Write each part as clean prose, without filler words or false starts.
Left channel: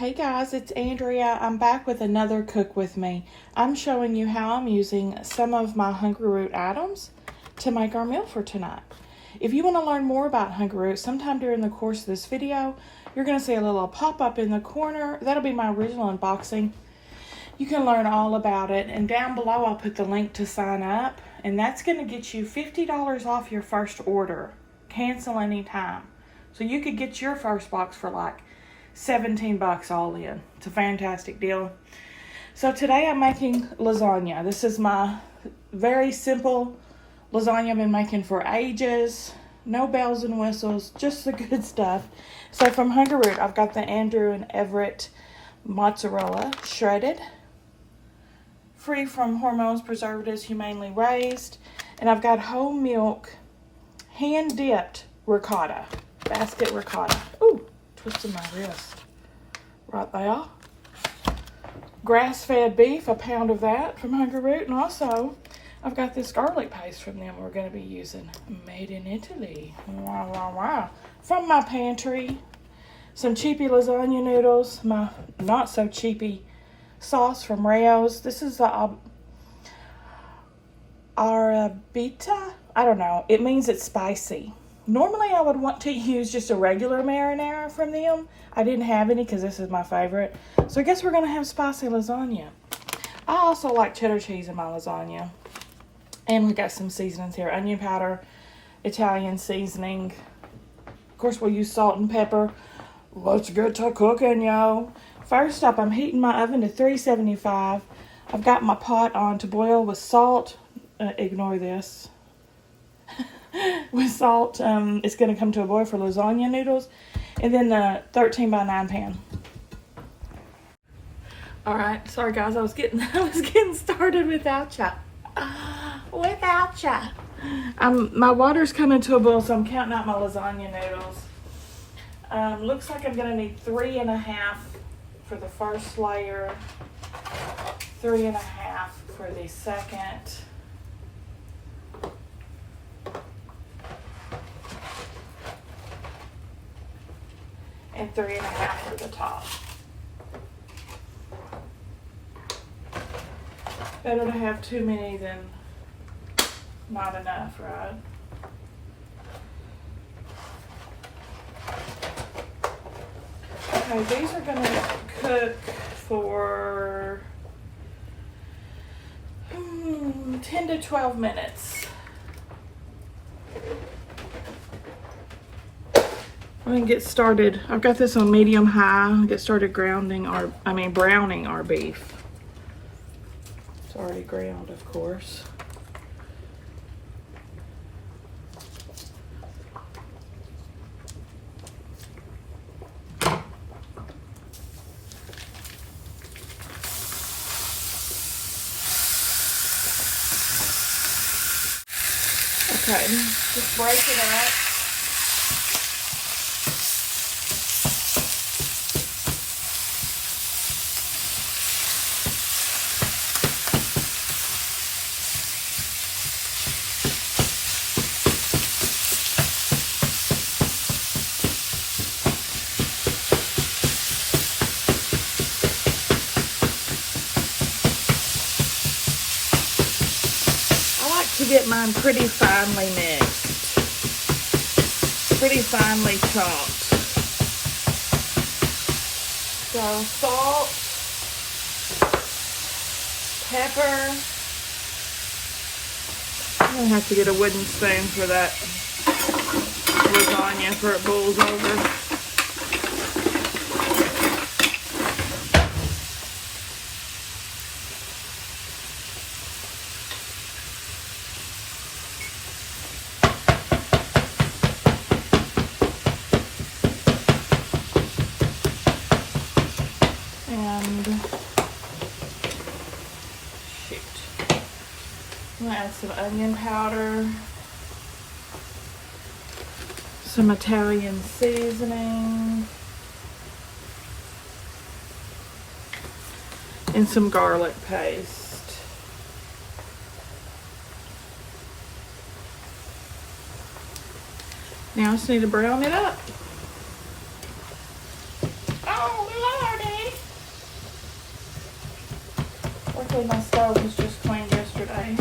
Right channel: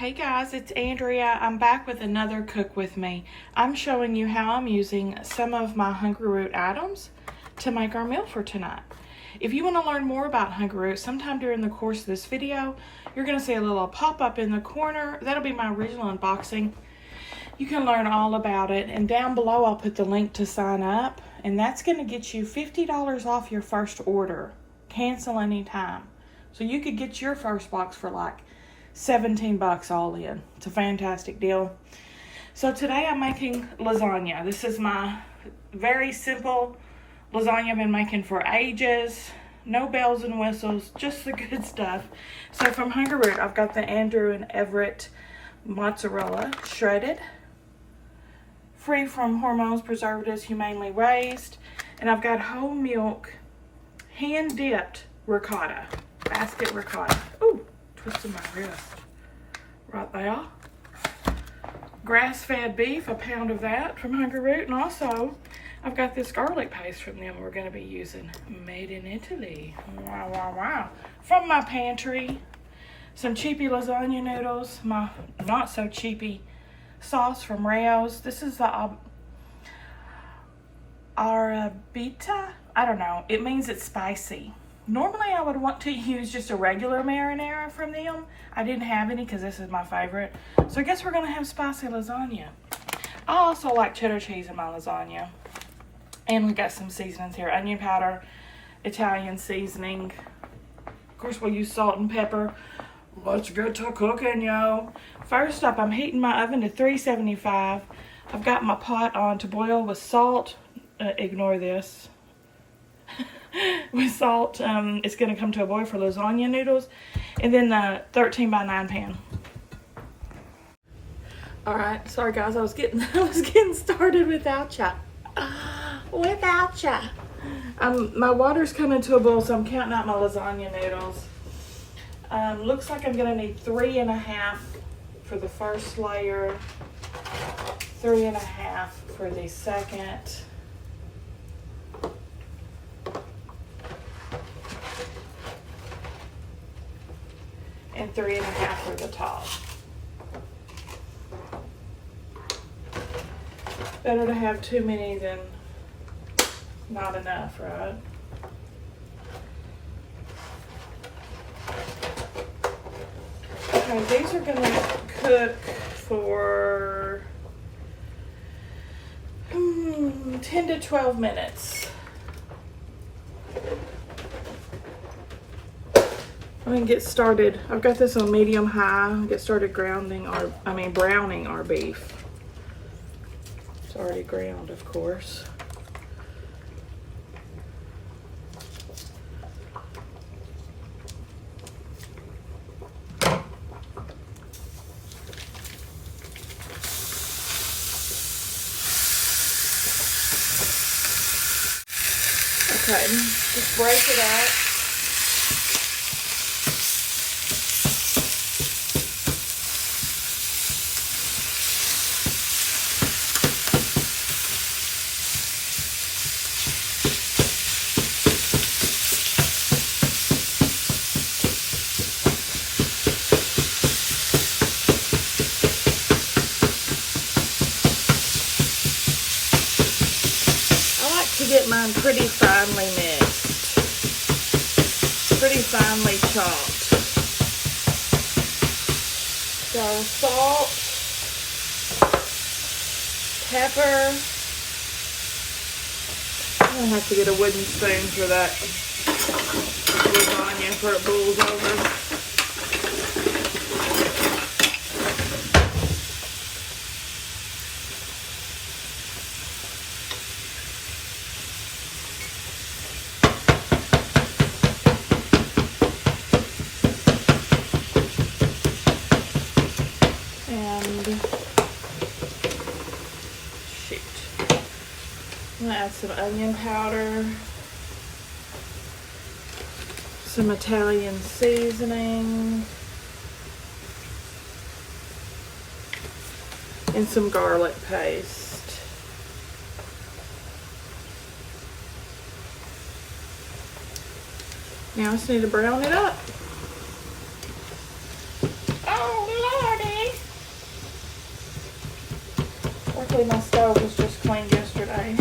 Hey guys, it's Andrea. I'm back with another Cook With Me. I'm showing you how I'm using some of my Hungry Root items to make our meal for tonight. If you want to learn more about Hungry Root, sometime during the course of this video, you're going to see a little pop-up in the corner. That'll be my original unboxing. You can learn all about it, and down below I'll put the link to sign up, and that's going to get you $50 off your first order. Cancel anytime. So you could get your first box for like 17 bucks all in. It's a fantastic deal. So today I'm making lasagna. This is my very simple lasagna I've been making for ages. No bells and whistles, just the good stuff. So from Hungry Root, I've got the Andrew and Everett mozzarella, shredded, free from hormones, preservatives, humanely raised. And I've got whole milk, hand-dipped ricotta, basket ricotta. Ooh, twisted my wrist right there. Grass-fed beef, a pound of that from Hungry Root. And also, I've got this garlic paste from them we're going to be using. Made in Italy. Wow, wow, wow. From my pantry. Some cheapy lasagna noodles. My not-so-cheapy sauce from Rayo's. This is the Arrabbiata. I don't know. It means it's spicy. Normally, I would want to use just a regular marinara from them. I didn't have any because this is my favorite. So I guess we're going to have spicy lasagna. I also like cheddar cheese in my lasagna. And we got some seasonings here. Onion powder, Italian seasoning. Of course, we'll use salt and pepper. Let's get to cooking, yo. First up, I'm heating my oven to 375. I've got my pot on to boil with salt. Ignore this. With salt, it's going to come to a boil for lasagna noodles, and then the 13 by 9 pan. All right, sorry guys, I was getting started without ya. My water's coming to a boil, so I'm counting out my lasagna noodles. Looks like I'm going to need 3.5 for the first layer, 3.5 for the second. And 3.5 for the top. Better to have too many than not enough, right? Okay, these are gonna cook for 10 to 12 minutes. I'm gonna get started. I've got this on medium high. I'm gonna get started browning our beef. It's already ground, of course. Okay, just break it up. To get mine pretty finely mixed, pretty finely chopped. So salt, pepper. I'm gonna have to get a wooden spoon for that lasagna before it boils over. I'm gonna add some onion powder, some Italian seasoning, and some garlic paste. Now I just need to brown it up. Oh Lordy! Luckily my stove was just cleaned yesterday.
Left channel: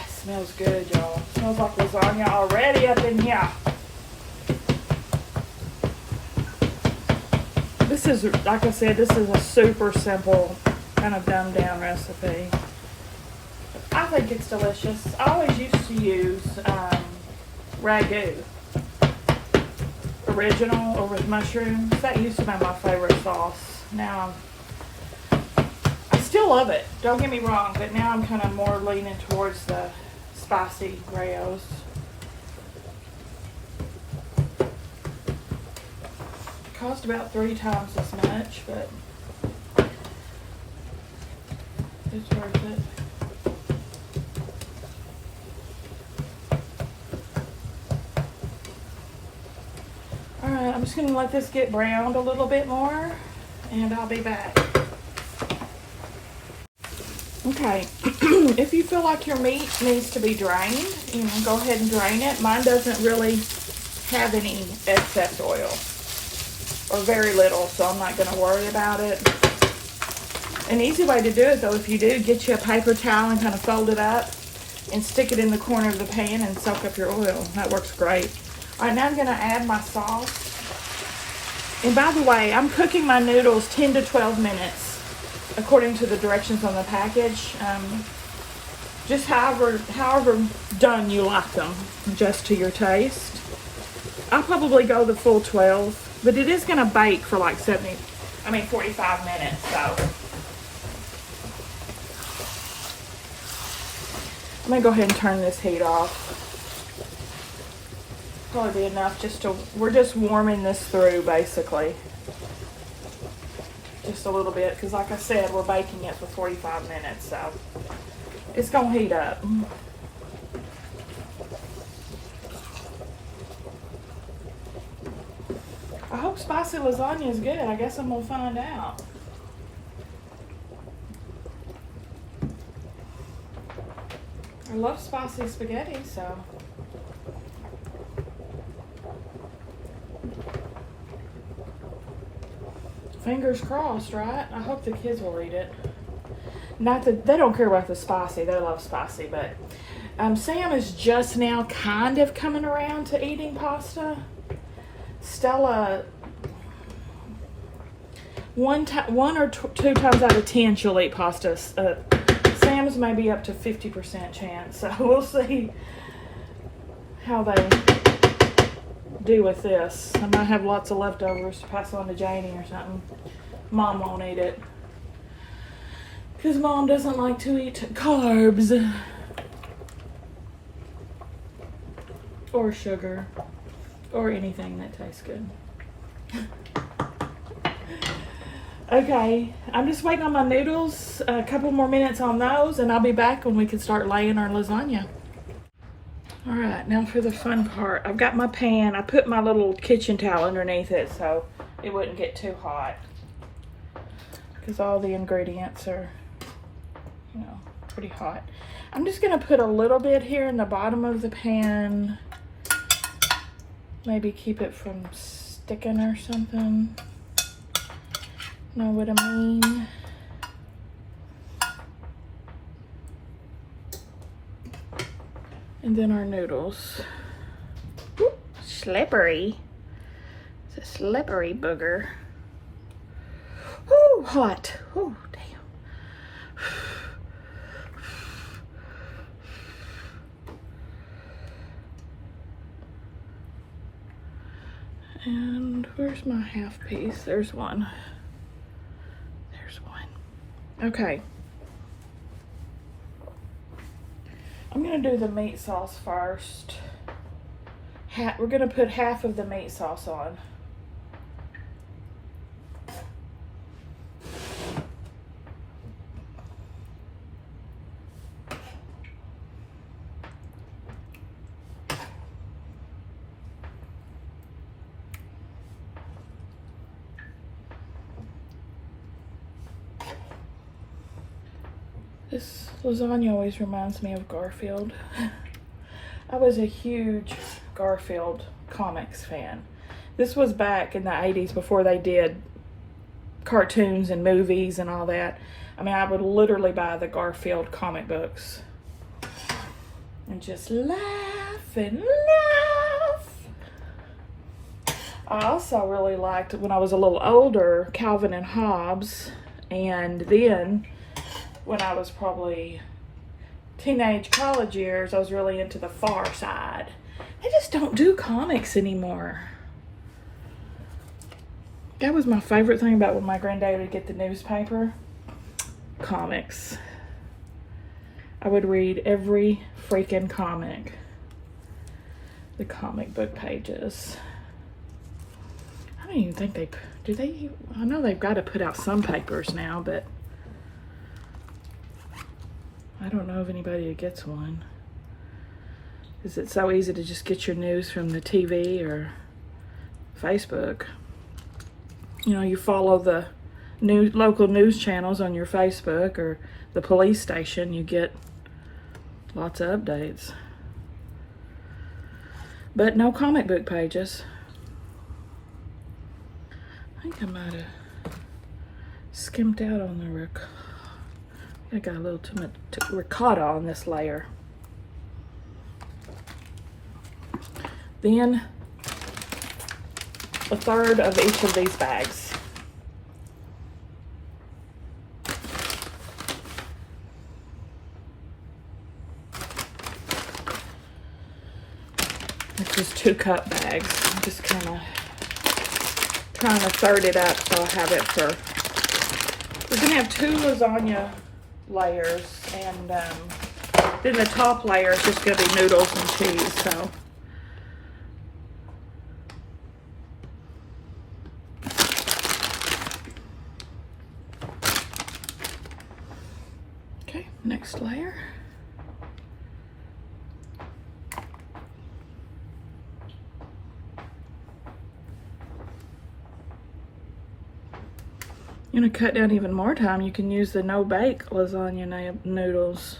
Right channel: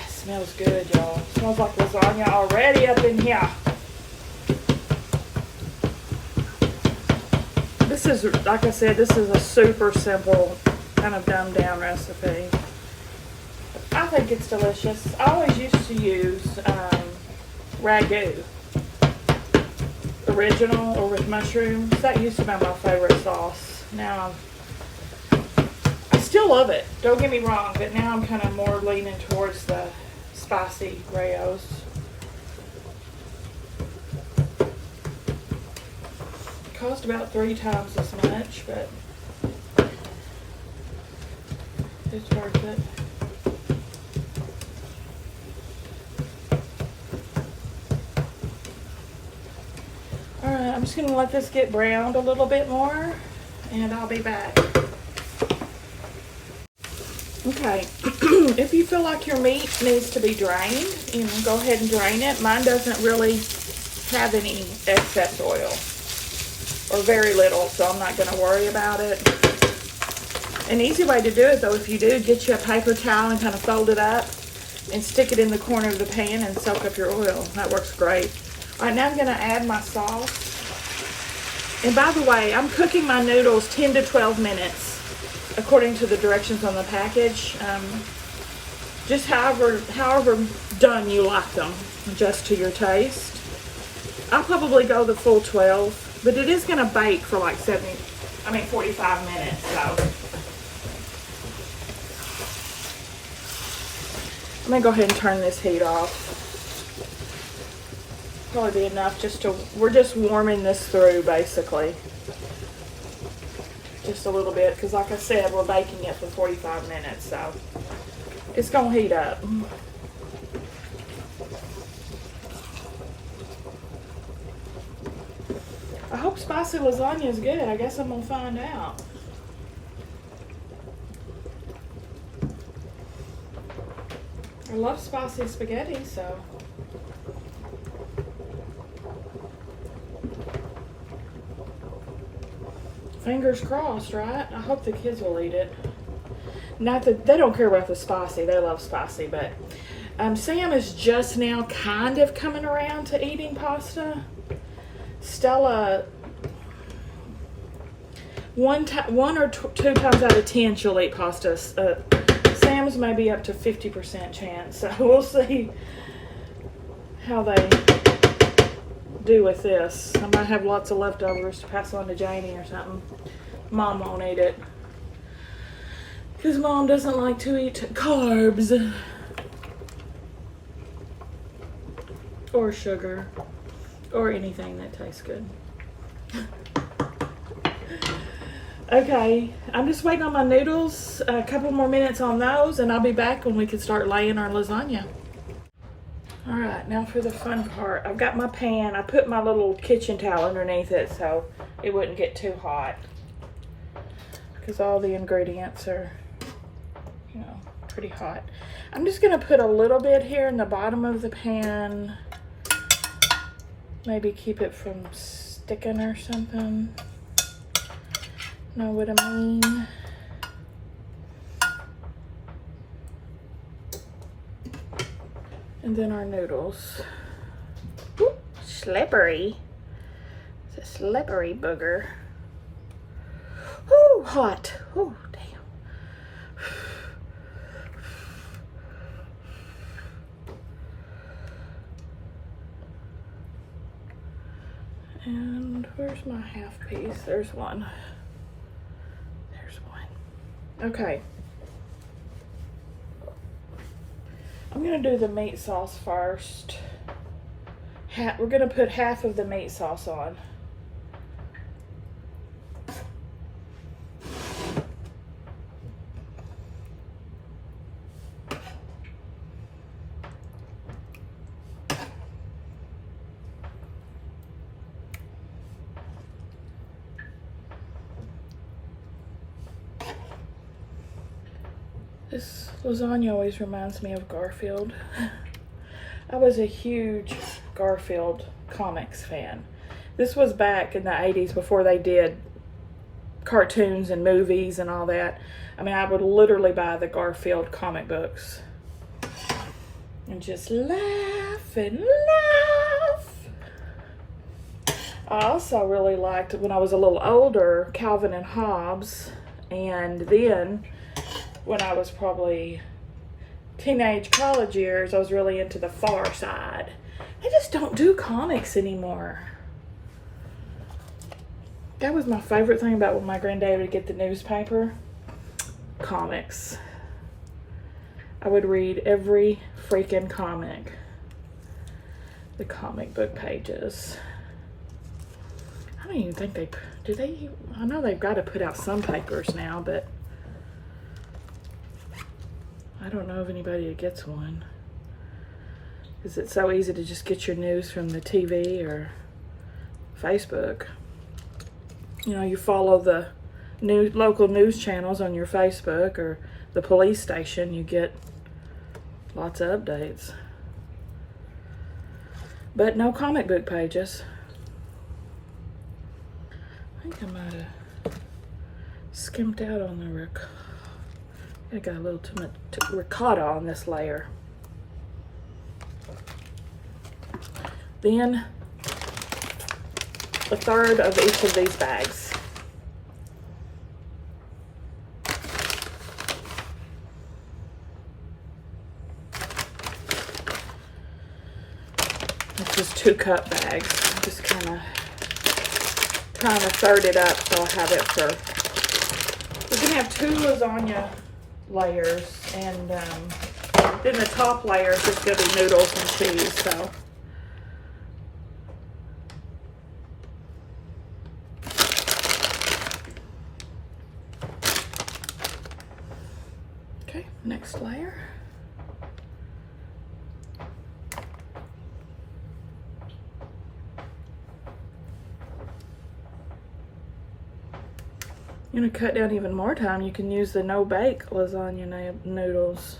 It smells good, y'all. It smells like lasagna already up in here. This is, like I said, this is a super simple, kind of dumbed down recipe. I think it's delicious. I always used to use Ragu original or with mushrooms. That used to be my favorite sauce. Now, I still love it. Don't get me wrong, but now I'm kind of more leaning towards the spicy Rayos. Cost about 3 times as much, but it's worth it. Alright, I'm just going to let this get browned a little bit more, and I'll be back. Okay, if you feel like your meat needs to be drained, you know, go ahead and drain it. Mine doesn't really have any excess oil, or very little, so I'm not going to worry about it. An easy way to do it, though, if you do, get you a paper towel and kind of fold it up and stick it in the corner of the pan and soak up your oil. That works great. All right, now I'm going to add my sauce. And by the way, I'm cooking my noodles 10 to 12 minutes, according to the directions on the package. Just however done you like them, just to your taste. I'll probably go the full 12. But it is going to bake for like 45 minutes, so. I'm going to go ahead and turn this heat off. Probably be enough we're just warming this through, basically. Just a little bit, because like I said, we're baking it for 45 minutes, so. It's going to heat up. I hope spicy lasagna is good. I guess I'm going to find out. I love spicy spaghetti, so. Fingers crossed, right? I hope the kids will eat it. Not that they don't care about the spicy. They love spicy, but Sam is just now kind of coming around to eating pasta. Stella, one or two times out of 10 she'll eat pasta. Sam's maybe up to 50% chance, so we'll see how they do with this. I'm gonna have lots of leftovers to pass on to Janie or something. Mom won't eat it because Mom doesn't like to eat carbs or sugar. Or anything that tastes good. Okay, I'm just waiting on my noodles. A couple more minutes on those, and I'll be back when we can start laying our lasagna. All right, now for the fun part. I've got my pan. I put my little kitchen towel underneath it so it wouldn't get too hot. Because all the ingredients are, you know, pretty hot. I'm just gonna put a little bit here in the bottom of the pan. Maybe keep it from sticking or something. Know what I mean? And then our noodles. Ooh, slippery. It's a slippery booger. Ooh, hot. Ooh, damn. And where's my half piece? There's one. There's one. Okay. I'm gonna do the meat sauce first. We're gonna put half of the meat sauce on. This lasagna always reminds me of Garfield. I was a huge Garfield comics fan. This was back in the 80s before they did cartoons and movies and all that. I mean, I would literally buy the Garfield comic books and just laugh and laugh. I also really liked, when I was a little older, Calvin and Hobbes, and then when I was probably teenage, college years, I was really into the Far Side. They just don't do comics anymore. That was my favorite thing about when my granddad would get the newspaper. Comics. I would read every freaking comic. The comic book pages. I don't even think I know they've got to put out some papers now, but I don't know of anybody that gets one. Is it so easy to just get your news from the TV or Facebook? You know, you follow the local news channels on your Facebook or the police station, you get lots of updates. But no comic book pages. I think I might have skimped out on the ricotta. I got a little too much ricotta on this layer. Then a third of each of these bags. It's just 2 cup bags. I'm just kind of trying to third it up so I have it for. We're gonna have 2 lasagna layers, and then the top layer is just gonna be noodles and cheese. So. Okay, next layer. You're gonna cut down even more time. You can use the no-bake lasagna noodles.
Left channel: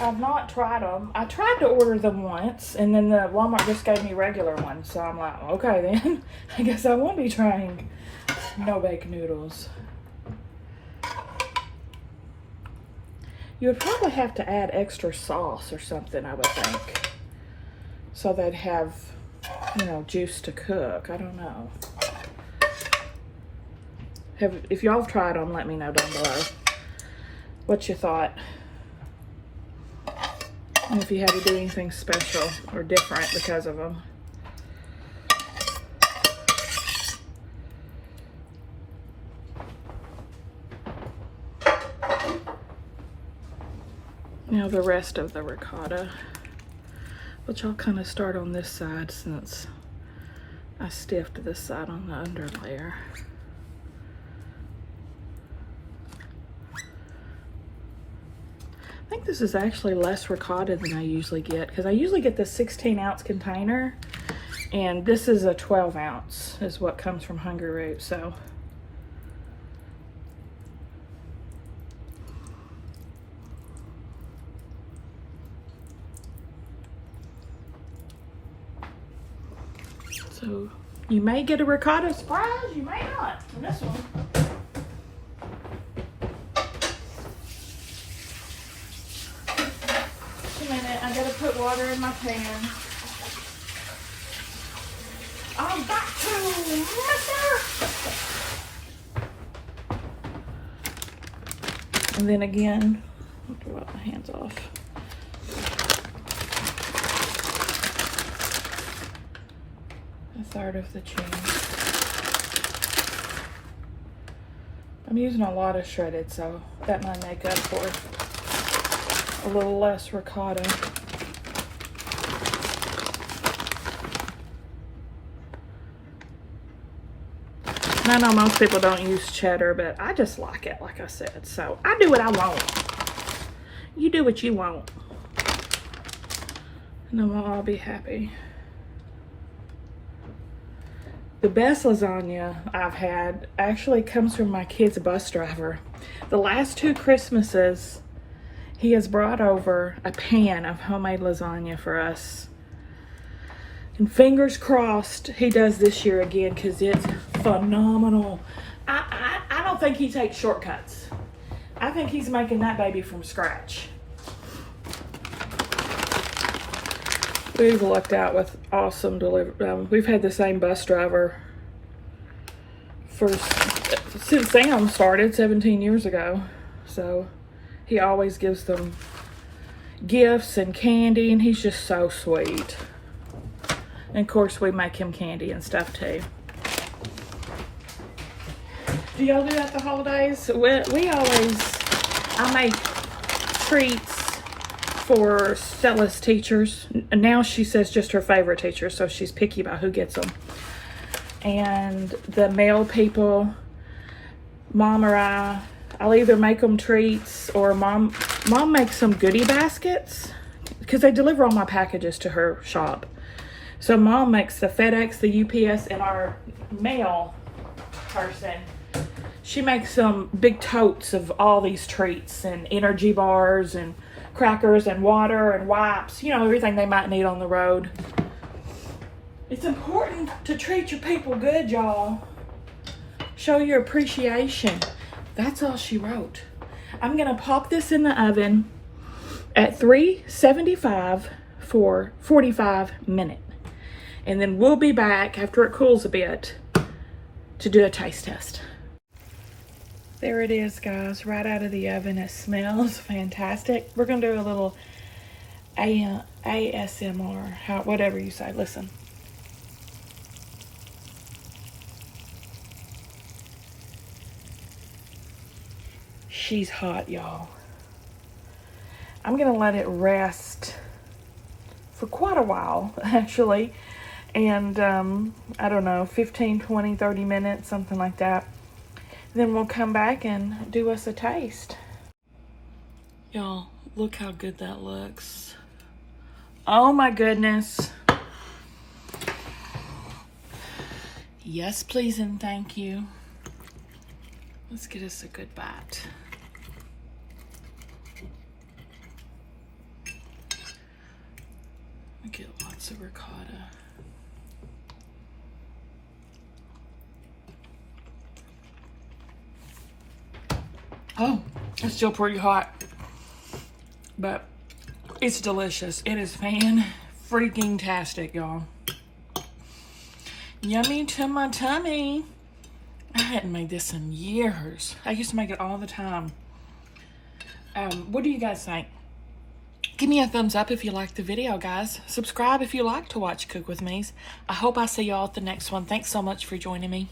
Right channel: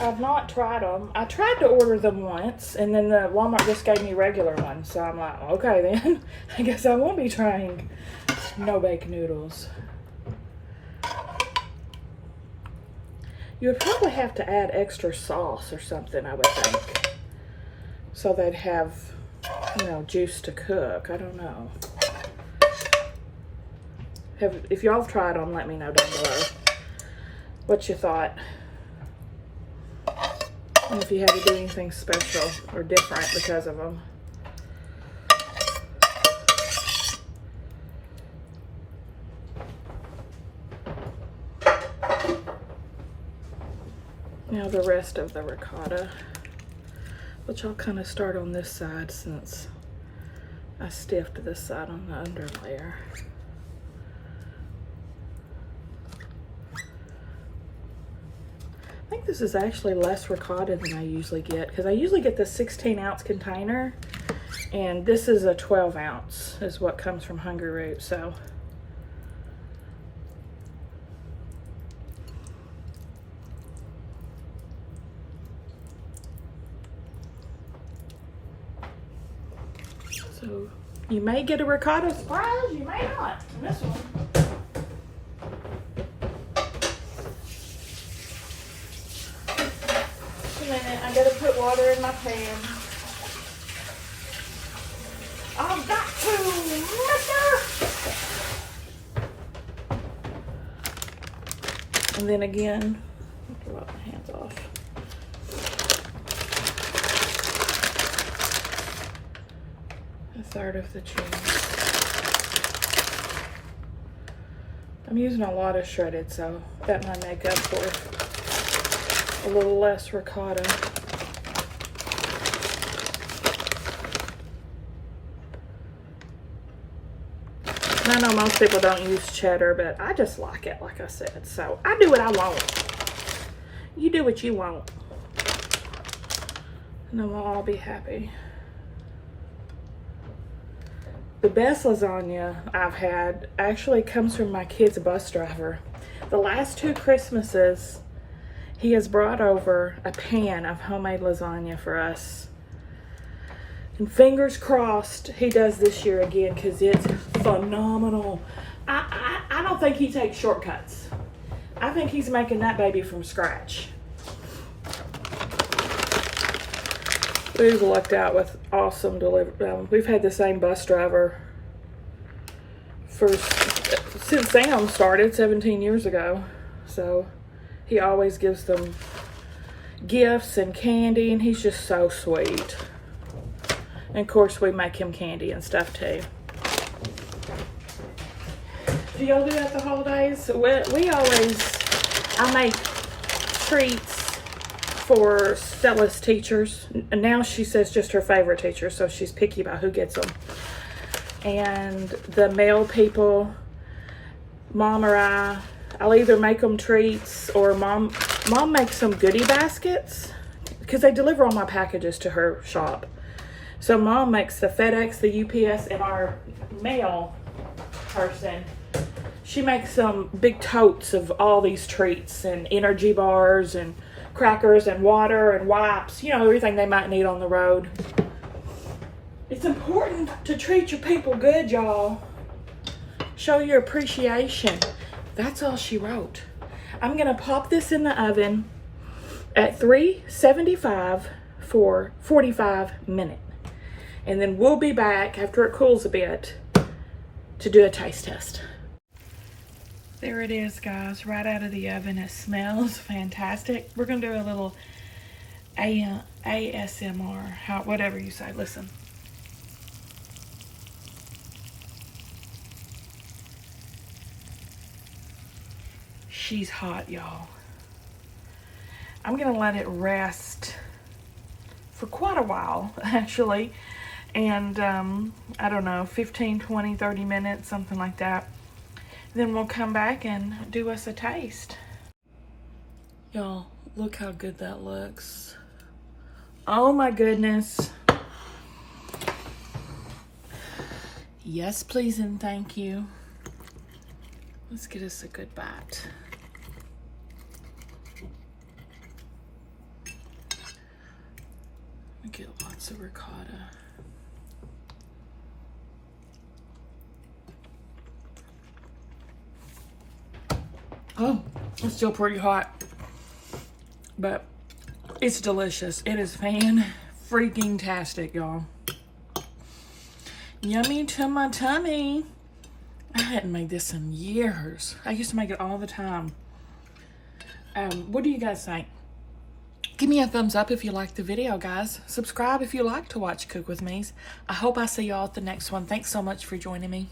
I've not tried them. I tried to order them once, and then the Walmart just gave me regular ones. So I'm like, okay then, I guess I won't be trying no-bake noodles. You would probably have to add extra sauce or something, I would think, so they'd have, you know, juice to cook. I don't know. If y'all have tried them, let me know down below what you thought. And if you had to do anything special or different because of them. Now the rest of the ricotta, which I'll kind of start on this side since I stiffed this side on the under layer. I think this is actually less ricotta than I usually get, because I usually get the 16-ounce container, and this is a 12-ounce is what comes from Hungry Root. So you may get a ricotta surprise, you may not in this one. Just a minute, I gotta put water in my pan. I'm back to liquor. And then again, I have to wipe my hands off. A third of the cheese. I'm using a lot of shredded, so that might make up for a little less ricotta. And I know most people don't use cheddar, but I just like it, like I said. So I do what I want. You do what you want. And then we'll all be happy. The best lasagna I've had actually comes from my kid's bus driver. The last 2 Christmases, he has brought over a pan of homemade lasagna for us And fingers crossed he does this year again, because it's phenomenal. I don't think he takes shortcuts. I think he's making that baby from scratch. We've lucked out with awesome delivery. We've had the same bus driver since Sam started 17 years ago. So he always gives them gifts and candy, and he's just so sweet. And of course we make him candy and stuff too. Do y'all do that the holidays? I make treats for Stella's teachers. And now she says just her favorite teacher, so she's picky about who gets them. And the male people, Mom or I'll either make them treats, or Mom makes some goodie baskets, because they deliver all my packages to her shop. So Mom makes the FedEx, the UPS, and our mail person, she makes some big totes of all these treats and energy bars and crackers and water and wipes, you know, everything they might need on the road. It's important to treat your people good, y'all. Show your appreciation. That's all she wrote. I'm gonna pop this in the oven at 375 for 45 minutes. And then we'll be back after it cools a bit to do a taste test. There it is, guys, right out of the oven. It smells fantastic. We're gonna do a little ASMR, whatever you say. Listen. She's hot, y'all. I'm gonna let it rest for quite a while, actually. And I don't know, 15, 20, 30 minutes, something like that. Then we'll come back and do us a taste. Y'all, look how good that looks. Oh my goodness. Yes, please and thank you. Let's get us a good bite. We get lots of ricotta. Oh, it's still pretty hot, but it's delicious. It is fan-freaking-tastic, y'all. Yummy to my tummy. I hadn't made this in years. I used to make it all the time. What do you guys think? Give me a thumbs up if you liked the video, guys. Subscribe if you like to watch Cook With Me's. I hope I see y'all at the next one. Thanks so much for joining me.